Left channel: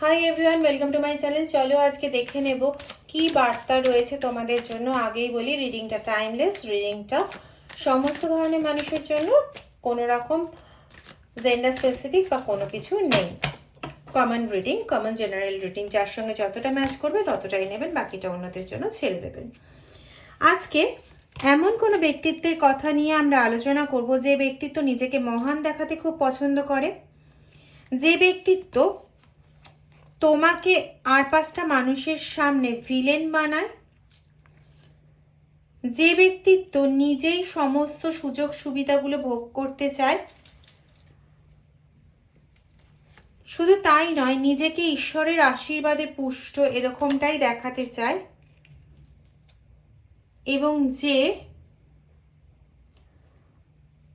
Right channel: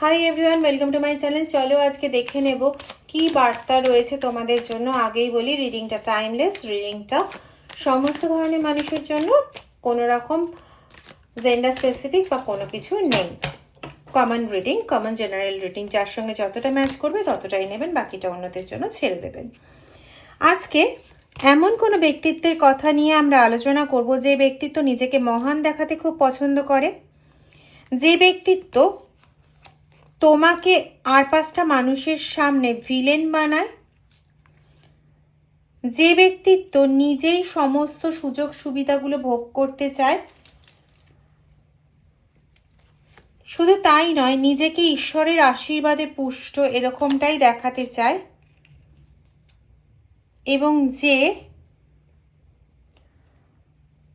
Hi everyone welcome to my channel চলো আজকে দেখে নেব কি বার্তা রয়েছে তোমাদের জন্য। আগেই বলি রিডিংটা টাইমলেস রিডিংটা সমস্ত ধরনের মানুষের জন্য। কোনো রকম জেন্ডার স্পেসিফিক বা কোনো কিছু নেই। Common reading common general reading যার সঙ্গে যতটা ম্যাচ করবে ততটাই নেবেন, বাকিটা অন্যদের জন্য ছেড়ে দেবেন। আজকে এমন কোনো ব্যক্তিত্বের কথা নিয়ে আমরা আলোচনা করব, যে ব্যক্তিত্ব নিজেকে মহান দেখাতে খুব পছন্দ করে। যে ব্যক্তিত্ব তোমাকে আর পাঁচটা মানুষের সামনে ভিলেন বানায়? যে ব্যক্তিত্ব নিজেই সমস্ত সুযোগ সুবিধাগুলো ভোগ করতে চায়, শুধু তাই নয়, নিজেকে ঈশ্বরের আশীর্বাদে পুষ্ট এরকমটাই দেখাতে চায়। এবং যে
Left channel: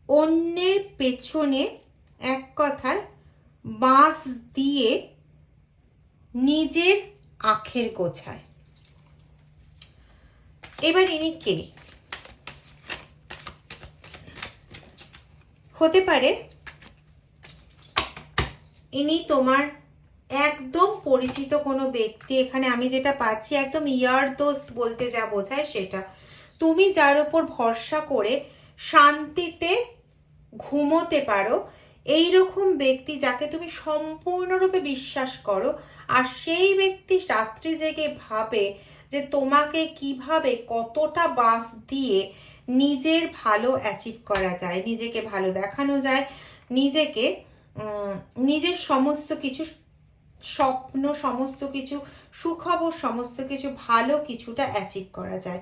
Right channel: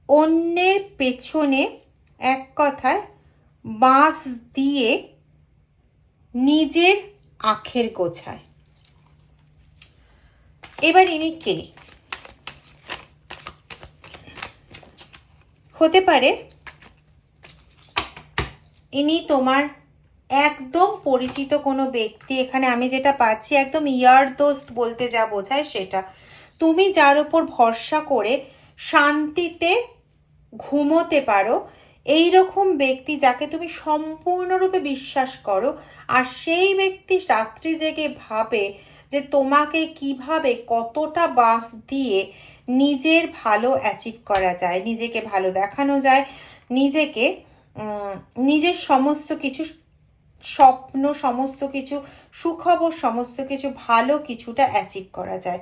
অন্যের পেছনে এক কথায় বাঁশ দিয়ে নিজের আখের গোছায়। এবার ইনি কে? হতে পারে ইনি তোমার একদম পরিচিত কোনো ব্যক্তি, এখানে আমি যেটা পাচ্ছি একদম ইয়ার দোস্ত বলতে যা বোঝায় সেটা। তুমি যার উপর ভরসা করে শান্তিতে ঘুমোতে পারো এই রকম ব্যক্তি যাকে তুমি সম্পূর্ণরূপে বিশ্বাস করো আর সেই ব্যক্তি রাত্রি জেগে ভাবে যে তোমাকে কীভাবে কতটা বাস দিয়ে নিজের ভালো অ্যাচিভ করা যায়, নিজেকে ভালো দেখানো যায়, নিজেকে নিজের সমস্ত কিছু স্বপ্ন, সমস্ত কিছু সুখবর, সমস্ত কিছু ভালো কিছুটা অ্যাচিভ করা যায়।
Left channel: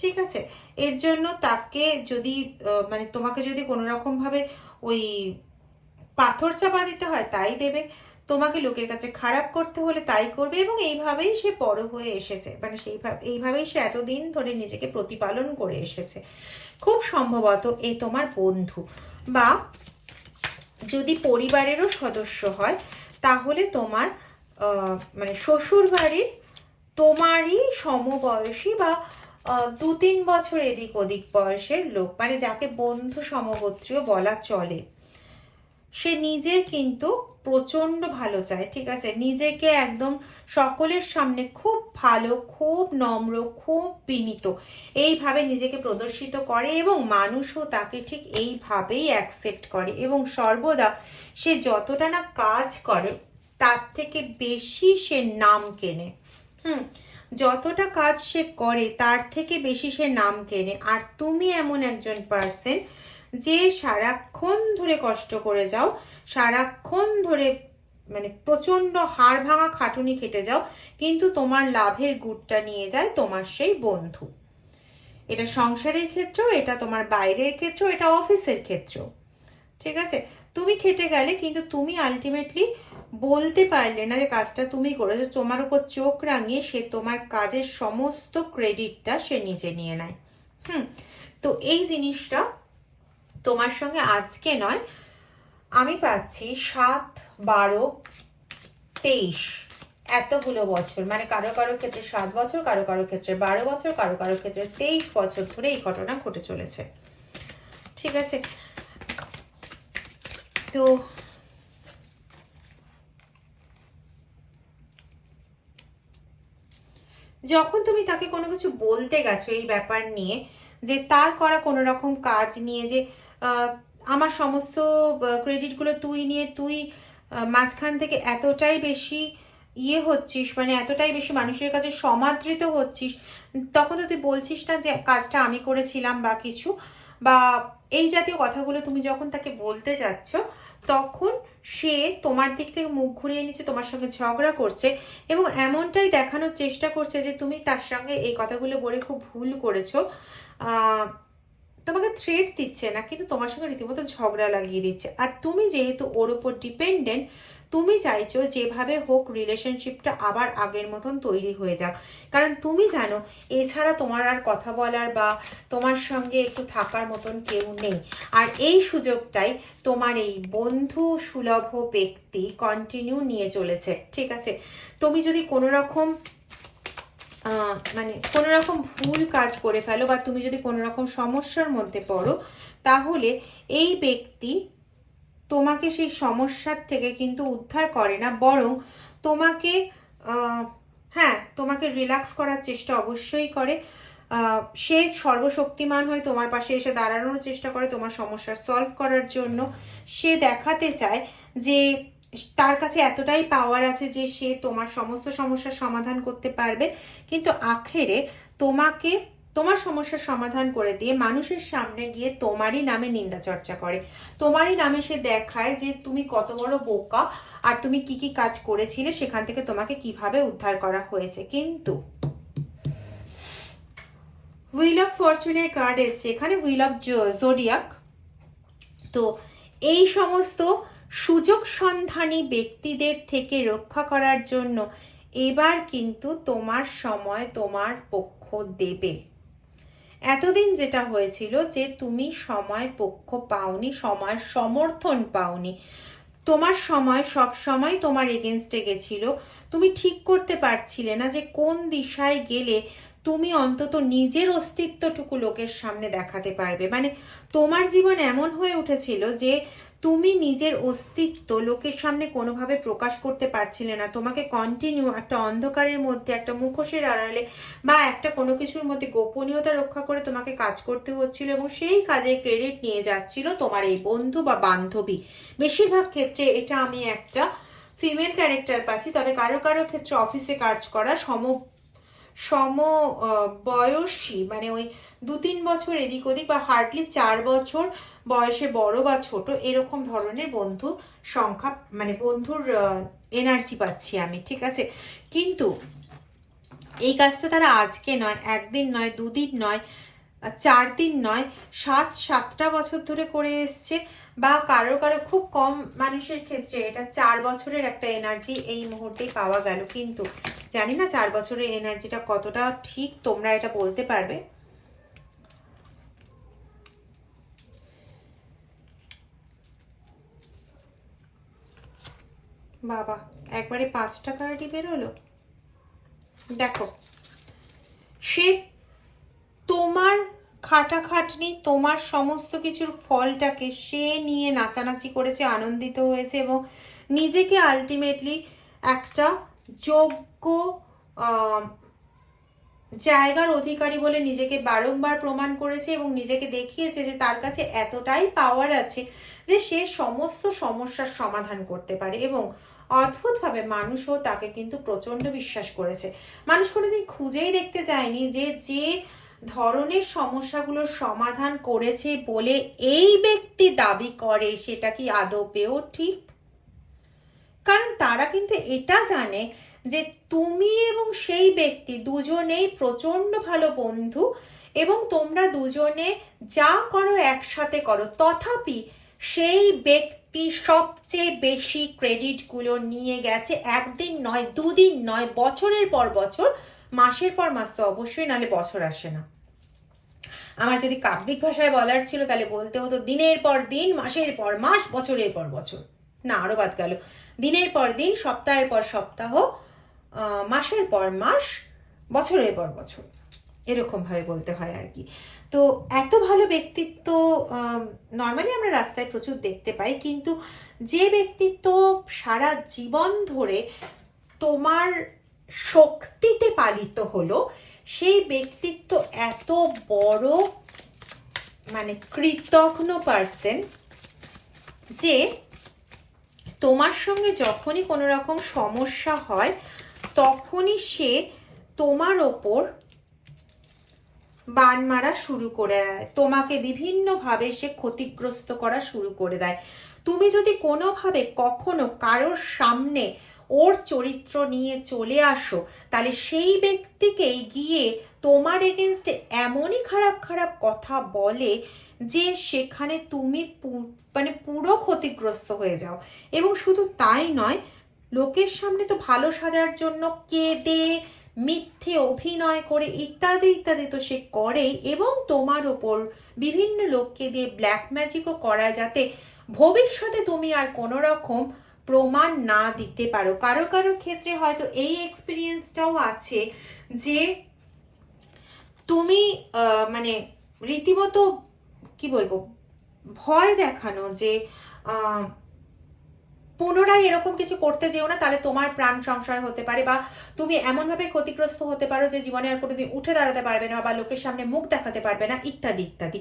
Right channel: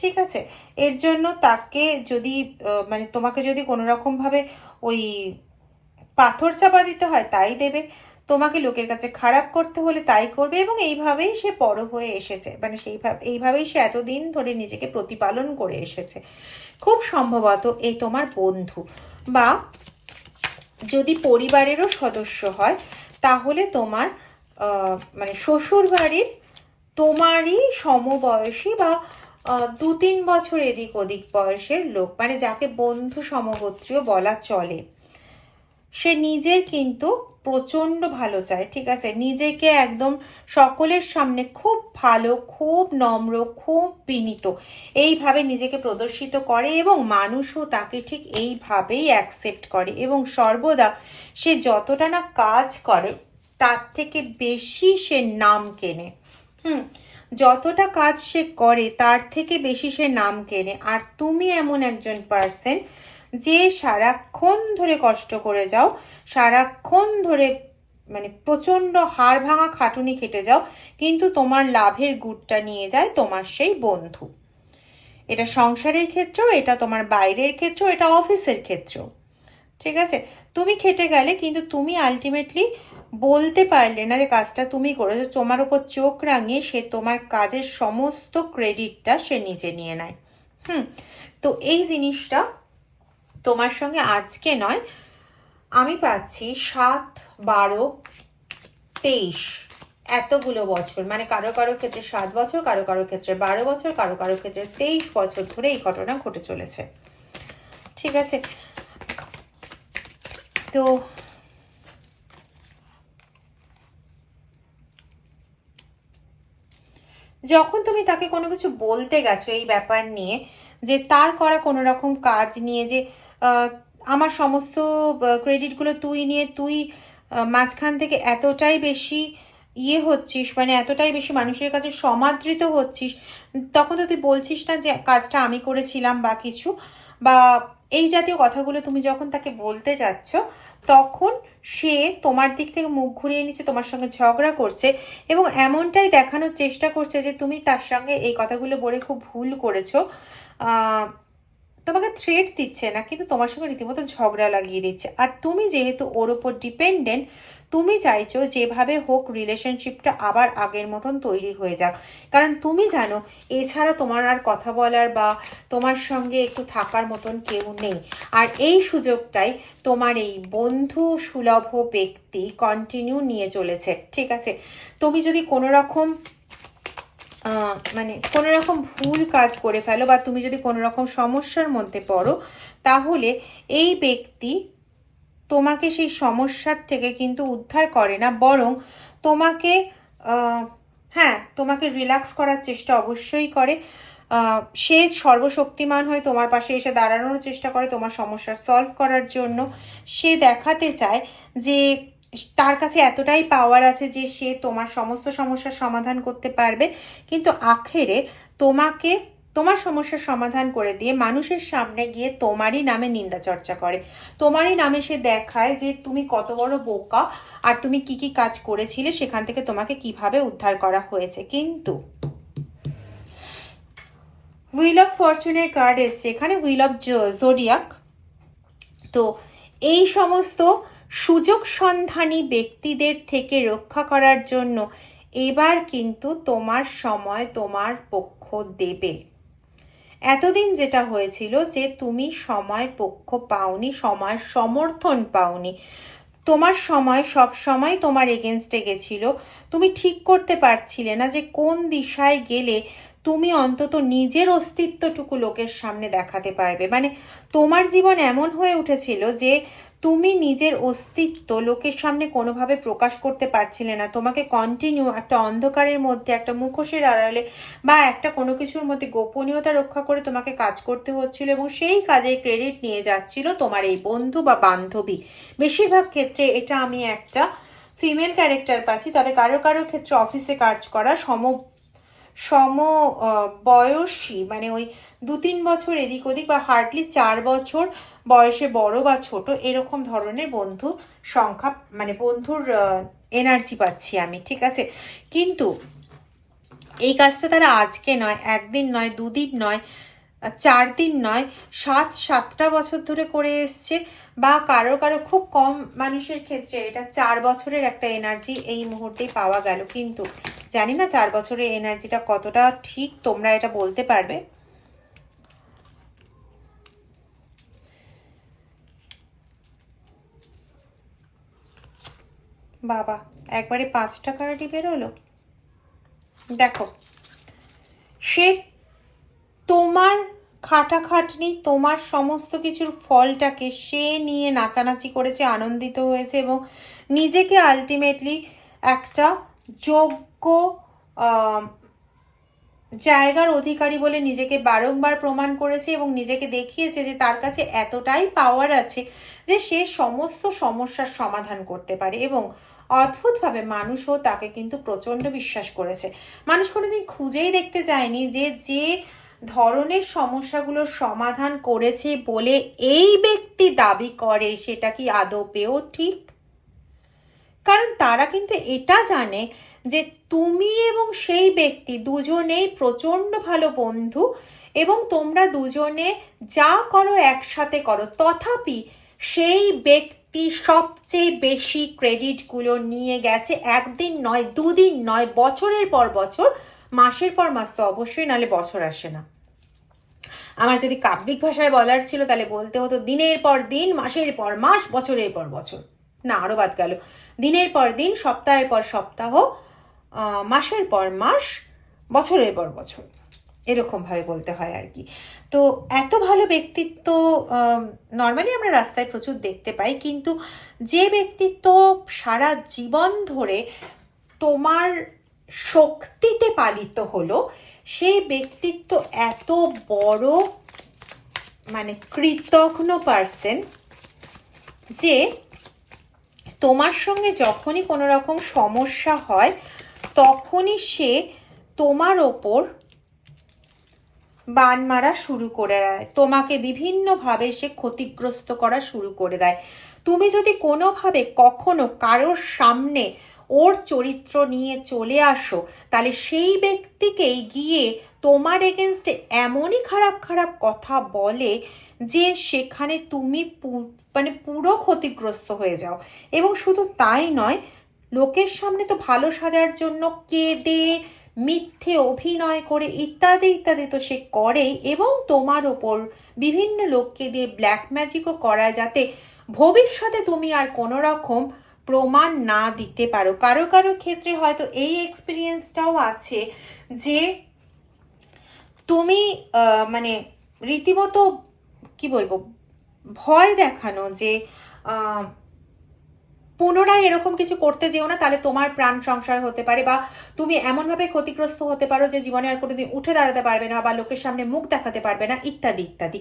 ঠিক আছে? এর জন্য তাকে যদি মানে তোমাকে যদি কোনো রকমভাবে ওই পাথর চাপা দিতে হয়, তাই দেবে। তোমাকে লোকের কাছে খারাপ করতে হলে তাই করবে এবং এইভাবেই সে বড় হয়ে এসেছে। মানে সেইভাবে, এইভাবেই সে এতদিন ধরে নিজেকে প্রতিপালন করে এসেছে। খুব সম্ভবত এই তোমার বন্ধু বা যদি পরিবারেরও সদস্য হয়, তাহলে তোমার মানে শ্বশুর বাড়ির তোমারই সমবয়সী বা দু তিন বছর এদিক ওদিক বয়সের লোক মানে যাকে বন্ধু সমগোত্রীয় বলা চলে, সে নিজের কিন্তু প্রচণ্ড ভালো চায়, ঠিক আছে? নিজেকে একদম সকলের সামনে খুব ভালো, খুব নম্র, খুব বিনীত, এইভাবে নিজেকে প্রদর্শিত করে এবং মানুষও তাকে ঠিক এইভাবেই অ্যাকসেপ্ট করে এবং সর্বদা সে যতটা না কাজ করে, তার থেকে বেশি সে নাম কেনে। হুম, যতটা কাজ সে করে, তার থেকে বেশি সে নাম কেনে। আর তুমি এমন একজন পার্সন যে সারাক্ষণ ধরে কষ্ট করে যাও সারাক্ষণ ধরে মানে প্রচণ্ড হাড় ভাঙা খাটুনি খেটে যাও, কিন্তু তোমার লাভের গুড়টা নিয়ে যায় তোমার সেই বন্ধু। এটা সংসারের ক্ষেত্রেও, এটা তোমার বাইরের ক্ষেত্রেও, এটা অফিসের ক্ষেত্রেও। ঠিক আছে? তুমি খেটে গেলে, কিন্তু তুমি আলটিমেটলি বলতে পারলে না যে কাজটা তুমি করেছ, তোমার উপর চোখ রাঙিয়ে সে তোমার কাজের সমস্ত ক্রেডিটটা সে নিজে নিয়ে নেয়। হুম? তো এই জিনিসটা তোমার সঙ্গে আজকে নয় আমি পাচ্ছি সাত, বারো, তেইশ। এতগুলো বছর মানে কারও কারও ক্ষেত্রে সাত বছর, কারও কারও ক্ষেত্রে বারো বছর, কারও কারও ক্ষেত্রে তেইশ বছর ধরে এই ঘটনা ঘটে চলেছে। ঠিক আছে? তো যখন তুমি তাকে কোনো কিছু বলতে গেছো এই ব্যাপার নিয়ে, যে তার করা কোনো রকম কাজ নিয়ে, যে আমার সমস্ত ক্রেডিটগুলো তুই নিয়ে, তুই মাঝখান থেকে এতটাই বেশি ইয়ে হচ্ছিস মানে এতটাই বেশি মানুষের কাছে সমাদৃত হচ্ছিস, তখন তো তুই বলছিস না যে কাজটা আমি করেছিলাম বা কিছু, বা এই জাতীয় কথাগুলো তুমি যখন তাকে বলতে যাচ্ছ, তখন সে তোমার দিক থেকে মুখ ঘুরিয়ে নিচ্ছে, তোমার সঙ্গে ঝগড়া করছে এবং এমনটাই দেখানোর চেষ্টা করছে যে তুমি তার সঙ্গে এই কথাগুলো বলে খুব ভুল করেছ। তোমাকে থ্রেট দিচ্ছে না, কিন্তু তোমার সঙ্গে রীতিমতো ঝগড়া লাগিয়ে দিচ্ছে। আর তুমি যেহেতু ওর ওপর ডিপেন্ডেন্ট তুমি চাইছো যেভাবে হোক রিলেশনশিপটা আবার আগের মতন তৈরি হয়ে যাক। কারণ তুমি জানো, এছাড়া তোমার আর কথা বলার বা তোমার সঙ্গে একটু থাকার মতন কেউ নেই। আর এই সুযোগটাই তোমার এই বন্ধু সুলভ ব্যক্তি কন্টিনিউ নিয়ে চলেছে, ঠিক আছে? তুমি যদি কোনো রকম মানে কোনো রকম ভুল কাজ করে ফেলো বা তুমি যদি কোনো রকম সমস্যার মধ্যে পড়ো, তাহলে এই ব্যক্তি তোমাকে সেই সমস্যার থেকে কিন্তু উদ্ধার করে না, বরং তোমাকে হ্যাঁ তোমাকে রিল্যাক্স করার চেষ্টা অবশ্যই করে। সে সর্বশক্তিমান হয়ে তোমার পাশে এসে দাঁড়ানোর চেষ্টা করে তোমার সমস্যার সলভ করার জন্য। সে দেখাতে চায় যে তার কাছে এতটাই পাওয়ার আছে যে সে তোমার সমস্ত সমস্যার সমাধান করতে পারবে। কিন্তু আখেরে তোমাকে, তোমার সমস্যার সমাধান করে দিয়ে মানুষের সামনে গিয়ে তোমারই নামে নিন্দা চর্চা করে। তোমারই নামে সে দেখায় যে তুমি কত বড় বোকা আর তুমি কি কি কাজ করেছিলে সেখান থেকে তোমাকে কীভাবে উদ্ধার করা হয়েছে। কিন্তু হুইল অফ ফরচুনের কার্ড এসছে। এখানে হুইল অফ জোডিয়াক তো এই সমস্ত সুযোগ সন্ধানী ব্যক্তিদের থেকে রক্ষা করার জন্য এবার কিন্তু তোমার সময় তোমার পক্ষ দেবে। এতদিন যেটা হয়েছিল যে তুমি সময় পক্ষ পাওনি, সময় সমর্থন পাওনি। তোমার সময় সব সময় তোমার এগেনস্টে গেছিল। তুমি ঠিক করতে পারছিলে না যে কোন দিশায় গেলে তুমি অন্তত নিজের অস্তিত্বটুকু লোকের সামনে দেখাতে পারবে। মানে তোমার জীবন এমন হয়ে উঠেছিল যে তুমি নিজের অস্তিত্ব লোকের সামনে কোনোভাবে প্রকাশ করতে পারছিলে না। তোমাকে কন্টিনিউ একটা অন্ধকারের মধ্যে, একটা মুখোশের আড়ালে বা একটা কোনো কিছুর মধ্যে গোপনীয়তা রক্ষা করে তোমাকে কাজ করতে হচ্ছিল এবং সেই কাজের ক্রেডিট নিয়ে যাচ্ছিল তোমার এই বন্ধু বা বান্ধবী। বেশিরভাগ ক্ষেত্রে এটা আমি একটা ফিমেল ক্যারেক্টার পাচ্ছি, তবে কারও কারও ক্ষেত্রে অফিসে কাজ করা সম সম বয়সী মানে ওই দু তিন বছর এদিক ওদিক বা হার্ডলি চার বছর বয়সে বড় বা ছোট এরকম ধরনের বন্ধু সংখ্যা মানে বন্ধুর এনার্জি পাচ্ছি আমি, ঠিক আছে? কিন্তু এই কাজটা তারা আজকে নয়, একদিন নয়, দুদিন নয়, চার দিন নয়, সাত, সাতটা বছর ধরে করে এসছে বা কারও কারও খুব কম মানুষের ক্ষেত্রে এটা চার বছরের একটা এনার্জি এই মুহূর্তেই পাওয়া গেল। কিন্তু জানি না চার বছরের এনার্জিটা কতটা ঠিক, তোমরা এটা বলতে পারবে? বাবা, একবারে পাঁচটা কার্ডই বেরোলো? দেখো, সে তোমার খাটাখাটনি, তোমার সমস্ত কিছুর ফলটাকে সে নিয়ে নাচানাচি করেছে, আনন্দিত হয়েছে এবং নিজেকে আলটিমেটলি একটা যোগ্য জায়গার অধিকারী বলে নিজেকে বারংবার প্রমাণ করেছে এবং নিজেকে দেখিয়েছে যে তার কাছে এতটাই পাওয়ার আছে যে সে সমস্ত সমস্যার সমাধান করতে পারে এবং অদ্ভুতভাবে মানুষও তাকে কিন্তু প্রচণ্ড বিশ্বাস করেছে। মানুষ কোনোদিন খুঁজেই দেখতে যায়নি যে যে ধরনের সমস্যাগুলোর সমাধান করেছে বলে এই ব্যক্তি দাবি করে সেটা কি আদপেও ঠিক? কারণ তারা কিন্তু এটা জানে যে তুমি এবং সেই ব্যক্তি দুজনেই প্রচণ্ড ভালো বন্ধু এবং তোমরা দুজনে যা করো একসাথে করো। তথাপি সেই ব্যক্তি সবচেয়ে বেশি ক্রেডিটগুলো নিয়ে গেছে, একদিন নয়, দুদিন নয়, বছরের পর বছর, মাসের পর মাস তো অবশ্যই নালে বছর আসে না। আমার যদি কাব্যিক ভাষায় বলার ছিল, তাহলে বলতে হতো দিনের পর দিন, মাসের পর মাস, বছরের পর বছর। না, আরও বাদ গেল। দিনের পর দিন, সপ্তাহের পর সপ্তাহ মাসের পর মাস, বছরের পর বছর। এরকম ভাবে বলতে হয় আর কি। তো এত ভালো ব্যক্তিত্ব নর্মালি আমরা রাস্তায় প্রচুর দেখতে পাই, কিন্তু যে ব্যক্তিত্ব সারা জীবন ধরে তোমার শক্তিতে পালিত হলো, সেই ব্যক্তিত্ব এত বড় মানে কৃতজ্ঞ পার্সন যে তোমার সঙ্গে যখনই কোনো রকম সমস্যা হয়, তখনই সে তোমার ওপর বান মারা শুরু করে দেয়। তোমাকে বিভিন্নভাবে সে ক্ষতিগ্রস্ত করা শুরু করে দেয়। তুমি যদি কোনোভাবে কখনো কারোর সামনে ওর চরিত্র নিয়ে চলে আসো, তাহলে সেই ব্যক্তিকেই গিয়ে তোমার এগেনস্টে এমনই খারাপ খারাপ কথা বলে যে সেখানে তুমি মানে পুরো ক্ষতিগ্রস্ত হয়ে যাও। এবং শুধু তাই নয়, লোকের সামনে তো ভালো সাজার জন্য কেঁদে মিথ্যে অভিনয় করে ইত্যাদি ইত্যাদি। তো সে করেই এবং তোমার ওপর বিভিন্ন লোককে দিয়ে ব্ল্যাক ম্যাজিকও করা যাতে ভবিষ্যতে তুমি আর কোনো রকম প্রমাণ না দিতে পারো। কারও কারও ক্ষেত্রে হয়তো এই এক্সপিরিয়েন্সটাও আছে যে তুমি মানে রীতিমতো কি বলব, ভয় দেখানো যে পুনরায় এরকম কিছু করতে যেও না, তাহলে তোমার প্রাণ সংশয় হতে পারে বা তুমি এমনভাবে ক্ষতিগ্রস্ত হতে পারো যে জীবনে আর কোনোদিন উঠে দাঁড়াতে পারবে না বা লোকের সামনে মুখ দেখাতে পারবে না, ইত্যাদি ইত্যাদি।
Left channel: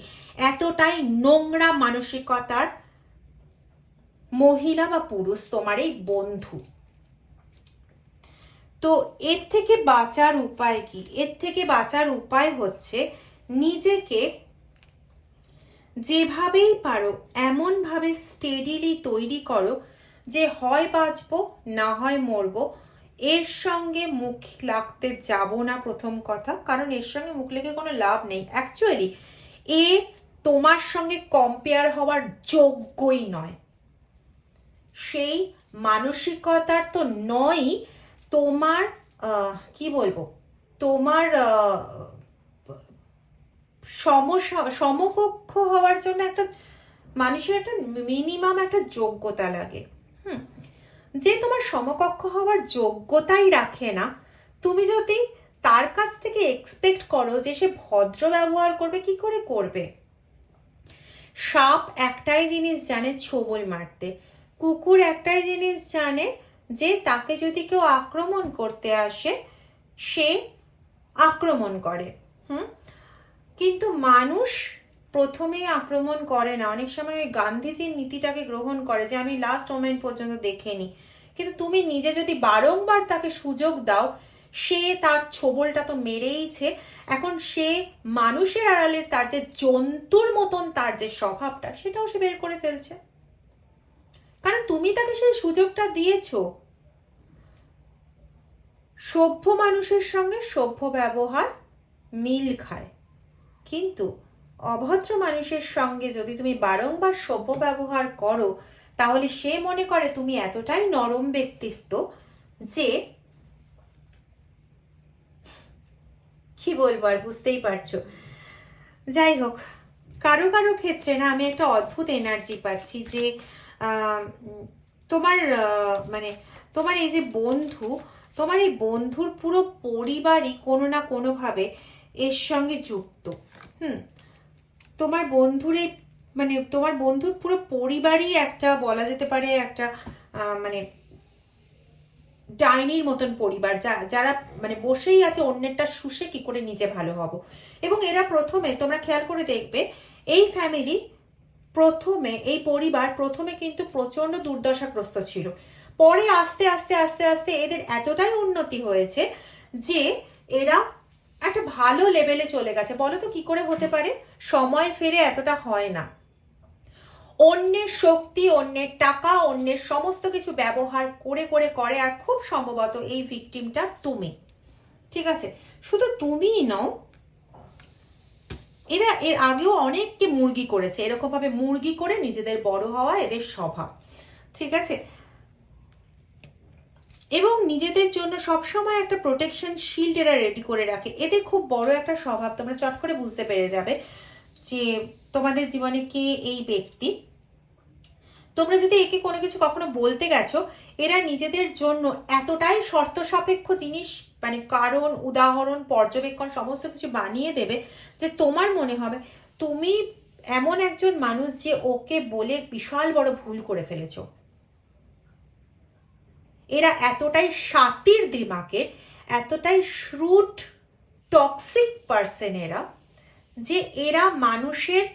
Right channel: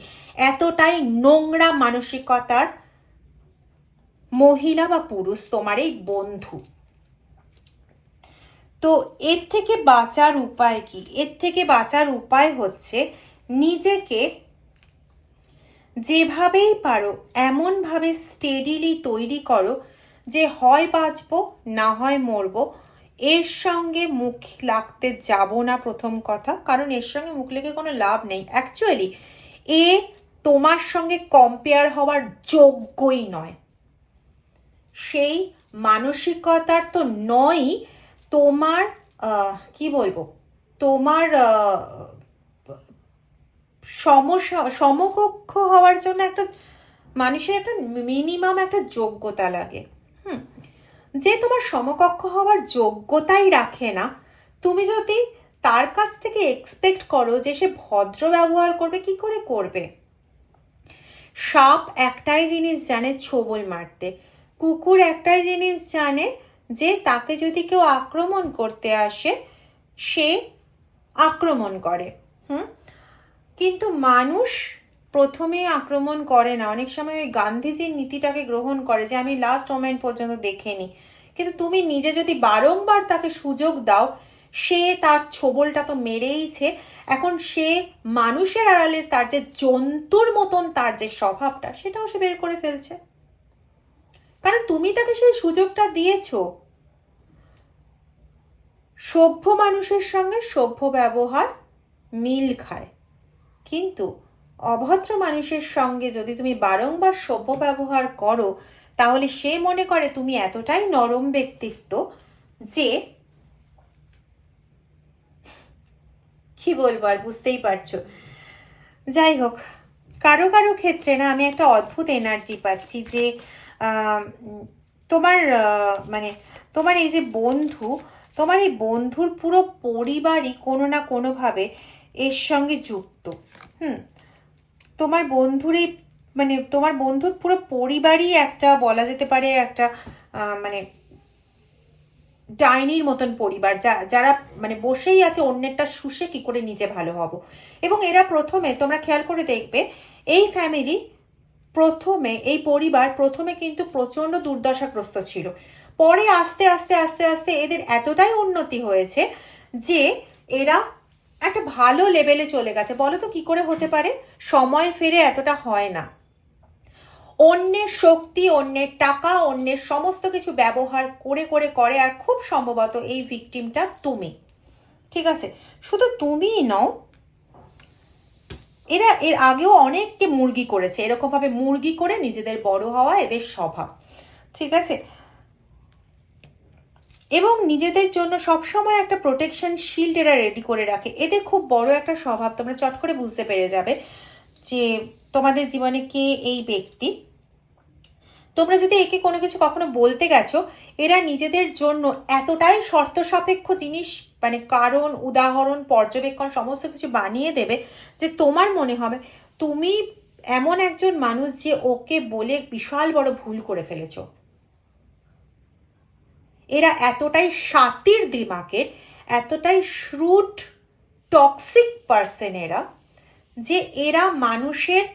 এতটাই নোংরা মানসিকতার মহিলা বা পুরুষ তোমার এই বন্ধু। তো এর থেকে বাঁচার উপায় কি? এর থেকে বাঁচার উপায় হচ্ছে নিজেকে যেভাবেই পারো, এমনভাবে স্টেডিলি তৈরি করো যে হয় বাঁচবো, না হয় মরবো, এর সঙ্গে মুখ লাগতে যাব না প্রথম কথা। কারণ এর সঙ্গে মুখ লেগে কোনো লাভ নেই। অ্যাকচুয়ালি এ তোমার সঙ্গে কম্পেয়ার হওয়ার যোগ্যই নয়। সেই মানসিকতার তো নয়ই তোমার কি বলব? তোমার সমস্যা সমকক্ষ হওয়ার জন্য একটা মানুষের একটা মিনিমাম একটা যোগ্যতা লাগে। যে তোমার সমকক্ষ হওয়ার যোগ্যতাই রাখে না, তুমি যদি তার কাছ থেকে এক্সপেক্ট করো যে সে ভদ্র ব্যবহার করবে, কি করে করবে? সাপ একটাই জিনিস জানে ছোবল মারতে, কুকুর একটাই জিনিস জানে যে তাকে যদি কেউ আক্রমণ করতে আসে, সে আক্রমণ করে। হুম? কিন্তু মানুষ প্রথমে আক্রমণ করে না। অনেক সময় ওই গান্ধীজির নীতিটাকে গ্রহণ করে যে, আমি লাস্ট মোমেন্ট পর্যন্ত দেখেনি। কিন্তু তুমি নিজে যদি বারংবার তাকে সুযোগ দাও, সে তার ছোবলটা তো মেরেইছে। এখন সে মানুষের আড়ালে তার যে জন্তুর মতন তার যে স্বভাবটা, সেটাও সে বের করে ফেলছে। কারণ তুমি তাকে সেই সুযোগটা দিয়েছ। সভ্য মানুষের সঙ্গে সভ্য ব্যবহার মিল খায়। কিন্তু অভদ্র মানুষের সঙ্গে যদি তুমি বারংবার সভ্য ব্যবহার করো, তাহলে সে মনে করে তুমি এতটাই নরম ব্যক্তিত্ব যে কি বলব আর বুঝতেই পারছ। যাই হোক, কারও কারও ক্ষেত্রে না আমি একটা অদ্ভুত এনার্জি পাচ্ছি যে তোমার মানে তোমার এই যে বন্ধু, তোমার এই বন্ধুর পুরো পরিবারই কোনো না কোনোভাবে এর সঙ্গে যুক্ত। হুম তোমার বন্ধুরই মানে তোমার বন্ধুর পুরো পরিবারই একটা বলা যেতে পারে একটা মানে ডাইনির মতন পরিবার, যা, যারা মানে বসেই আছে অন্যেরটা শুষে কি করে নিজে ভালো হব। এবং এরা প্রথমে, তোমরা খেয়াল করে দেখবে, এই ফ্যামিলি প্রথমে, এই পরিবার প্রথমে কিন্তু প্রচণ্ড দুর্দশাগ্রস্ত ছিল। পরে আস্তে আস্তে আস্তে আস্তে এদের এতটাই উন্নতি হয়েছে যে এরা একটা ভালো লেভেলে চলে গেছে। বলো তো কি করে হতে পারে? সময় ফিরে এতটা হয় না। অন্যের শক্তি, অন্যের টাকা, অন্যের সমস্ত কিছু ব্যবহার করে করে করে, আর খুব সম্ভবত এই ভিকটিমটা তুমি। ঠিক আছে? শুধু তুমিই নও, এরা এর আগেও অনেককে মুরগি করেছে। এরকম ভাবে মুরগি করে নিজেদের বড় হওয়া এদের স্বভাব। ঠিক আছে? এবং নিজেদের জন্য সবসময় একটা প্রোটেকশন শিল্ড এরা রেডি করে রাখে। এদের খুব বড় একটা স্বভাব, তোমরা চট করে বুঝতে পেরে যাবে যে তোমাদের জীবনে কে এই ব্যক্তি। তোমরা যদি একে কোনো কিছু কখনো বলতে গেছো, এরা নিজেদের জন্য এতটাই শর্ত সাপেক্ষ জিনিস মানে কারণ, উদাহরণ, পর্যবেক্ষণ, সমস্ত কিছু বানিয়ে দেবে যে তোমার মনে হবে, তুমি এমন একজন মানুষ যে ওকে বলে বিশাল বড় ভুল করে ফেলেছো। এরা এতটাই সাতির দিমাকের এতটাই শ্রুট টক্সিক পার্সন এরা, যে এরা মানুষের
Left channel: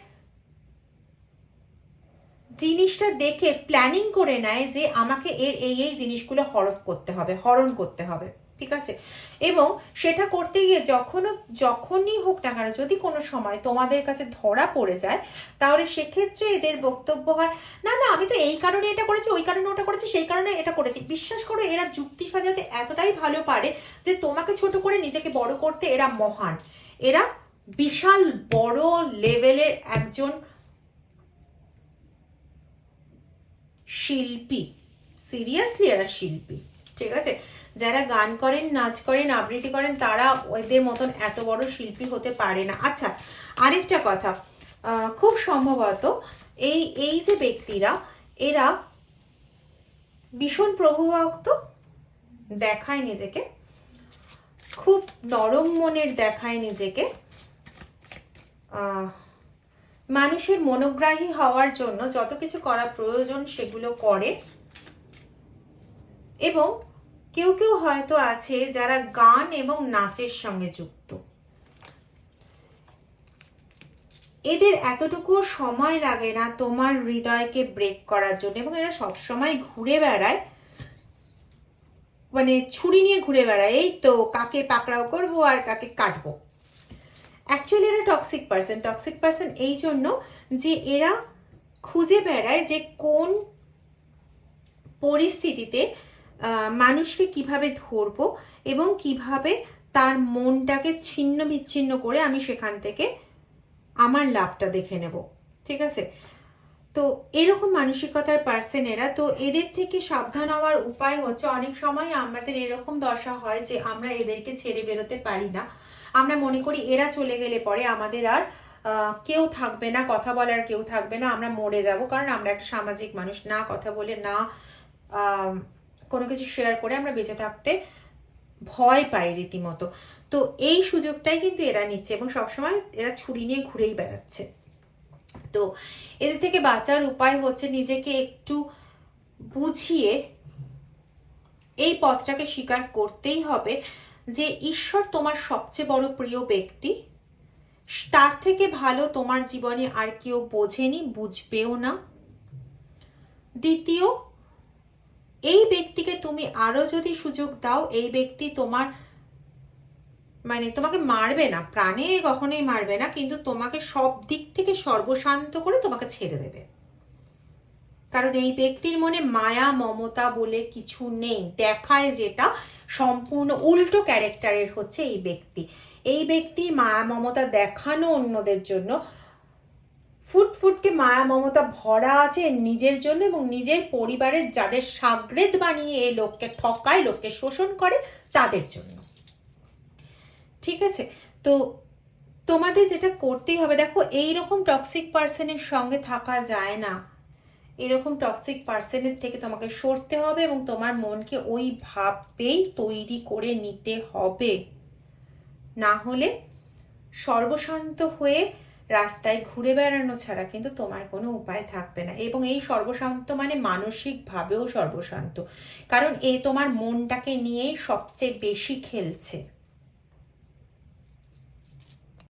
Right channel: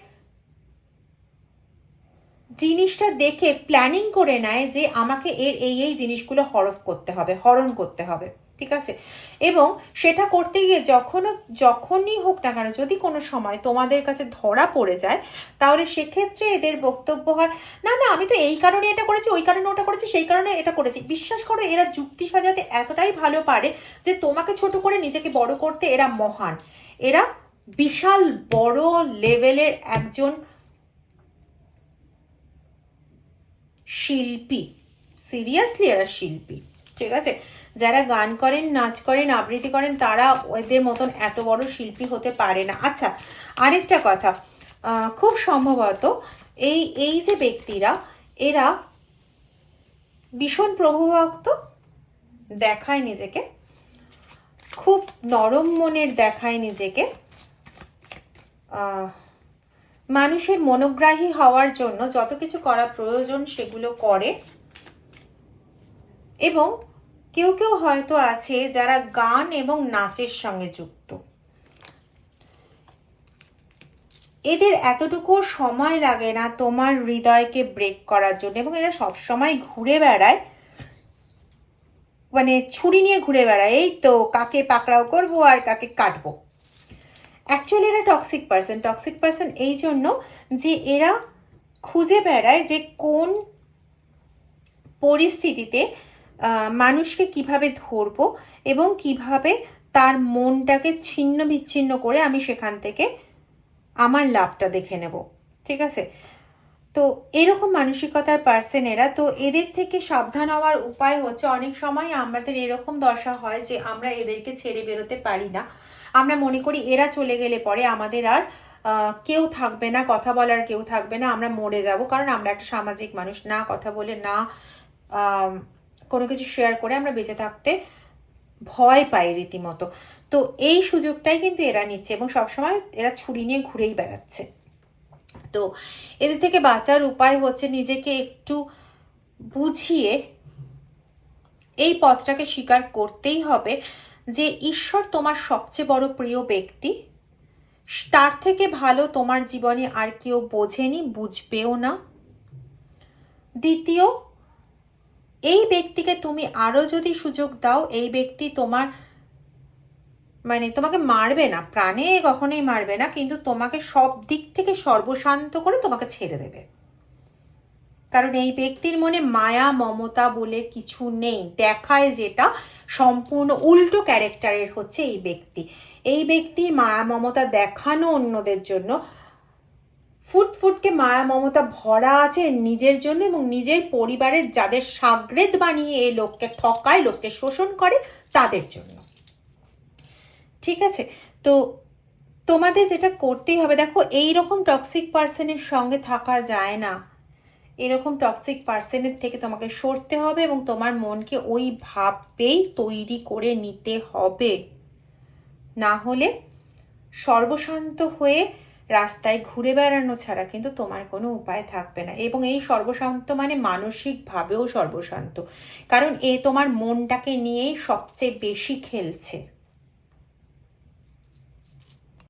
জিনিসটা দেখে প্ল্যানিং করে নেয় যে আমাকে এর এই এই জিনিসগুলো হরফ করতে হবে, হরণ করতে হবে। ঠিক আছে? এবং সেটা করতে গিয়ে যখনও, যখনই হোক না কেন, যদি কোনো সময় তোমাদের কাছে ধরা পড়ে যায়, তাহলে সেক্ষেত্রে এদের বক্তব্য হয়, না না, আমি তো এই কারণে এটা করেছি, ওই কারণে ওটা করেছি, সেই কারণে এটা করেছি। বিশ্বাস করো, এরা যুক্তি সাজাতে এতটাই ভালো পারে যে তোমাকে ছোট করে নিজেকে বড় করতে এরা মহান। এরা বিশাল বড় লেভেলের একজন শিল্পী। সিরিয়াসলি এরা শিল্পী। ঠিক আছে? যারা গান করেন, নাচ করেন, আবৃত্তি করেন, তারা ওদের মতন এত বড় শিল্পী হতে পারে না। আচ্ছা আরেকটা কথা খুব সম্ভবত এই এই যে ব্যক্তিরা, এরা ভীষণ প্রভুভক্ত দেখায় নিজেকে, খুব নরম মনের দেখায় নিজেকে মানুষের মনোগ্রাহী হওয়ার জন্য যত কিছু করা প্রয়োজন সেগুলো করে এবং কেউ কেউ হয়তো আছে যারা গান এবং নাচের সঙ্গে যুক্ত। এদের এতটুকু সময় লাগে না তোমার হৃদয়কে ব্রেক করার জন্য এবং এরা সবসময় ঘুরে বেড়ায়। মানে ছুরি নিয়ে ঘুরে বেড়ায়। এই তো কাকে পাকড়াও করব আর কাকে কাটবো। অ্যাকচুয়ালি এরা টক্সিক পার্সন টক্সিক পার্সন এই জন্য যে এরা খুঁজে বেড়ায় যে কোন পরিস্থিতিতে মানুষকে কীভাবে ধরবো এবং কীভাবে তার মনটাকে ছিন্ন বিচ্ছিন্ন করে আমি সেখান থেকে আমার লাভটা দেখে নেব, ঠিক আছে? তো এরকম মানসিকতার পার্সন এরা। তো এদের থেকে সাবধান হওয়ার উপায় হচ্ছে, অনেক সময় আমাদের এরকম দশা হয় যে আমরা এদেরকে ছেড়ে বেরোতে পারি না। আমরা মনে করি এরা চলে গেলে পরে আমাদের আর কেউ থাকবে না, কথা বলার কেউ থাকবে না, আমরা মরে যাব। কারণ আমরা একটা সামাজিক মানুষ, না কথা বলে, না কোনো কিছু শেয়ার করে আমরা বেঁচে থাকতে ভয় পাই রীতিমতো। তো এই সুযোগটাই কিন্তু এরা নিচ্ছে এবং সবসময় এরা ছুরি নিয়ে ঘুরেই বেড়াচ্ছে। তো এদের থেকে বাঁচার উপায় হচ্ছে নিজেকে একটু বুঝিয়ে এই পথটাকে স্বীকার করতেই হবে যে ঈশ্বর তোমার সবচেয়ে বড় প্রিয় ব্যক্তি। তার থেকে ভালো তোমার জীবনে আর কেউ বোঝেনি, বুঝবেও না। দ্বিতীয় এই ব্যক্তিকে তুমি আরও যদি সুযোগ দাও, এই ব্যক্তি তোমার মানে তোমাকে মারবে না, প্রাণে কখনোই মারবে না, কিন্তু তোমাকে সব দিক থেকে সর্বশান্ত করে তোমাকে ছেড়ে দেবে। কারণ এই ব্যক্তির মনে মায়া, মমতা বলে কিছু নেই। দেখায় যেটা সম্পূর্ণ উল্টো ক্যারেক্টারের হচ্ছে এই ব্যক্তি। এই ব্যক্তির মায়া, মমতা দেখানো অন্যদের জন্য ফুট ফুটকে মায়া মমতা ভরা আছে নিজের জন্য এবং নিজের পরিবারের যাদের সাগরেদ বানিয়ে এই লোককে ঠকায়, লোককে শোষণ করে, তাদের জন্য। ঠিক আছে? তো তোমাদের যেটা করতেই হবে, দেখো এই রকম টক্সিক পার্সনের সঙ্গে থাকা যায় না। এরকম টক্সিক পার্সনের থেকে তোমাকে সরতে হবে এবং তোমার মনকে ওই ভাবেই তৈরি করে নিতে হবে। না হলে সর্বশান্ত হয়ে রাস্তায় ঘুরে বেড়ানো ছাড়া কিন্তু তোমার কোনো উপায় থাকবে না। এবং এই সর্বশান্ত মানে মানসিকভাবেও সর্বশান্ত। কারণ এ তোমার মনটাকে নিয়েই সবচেয়ে বেশি খেলছে।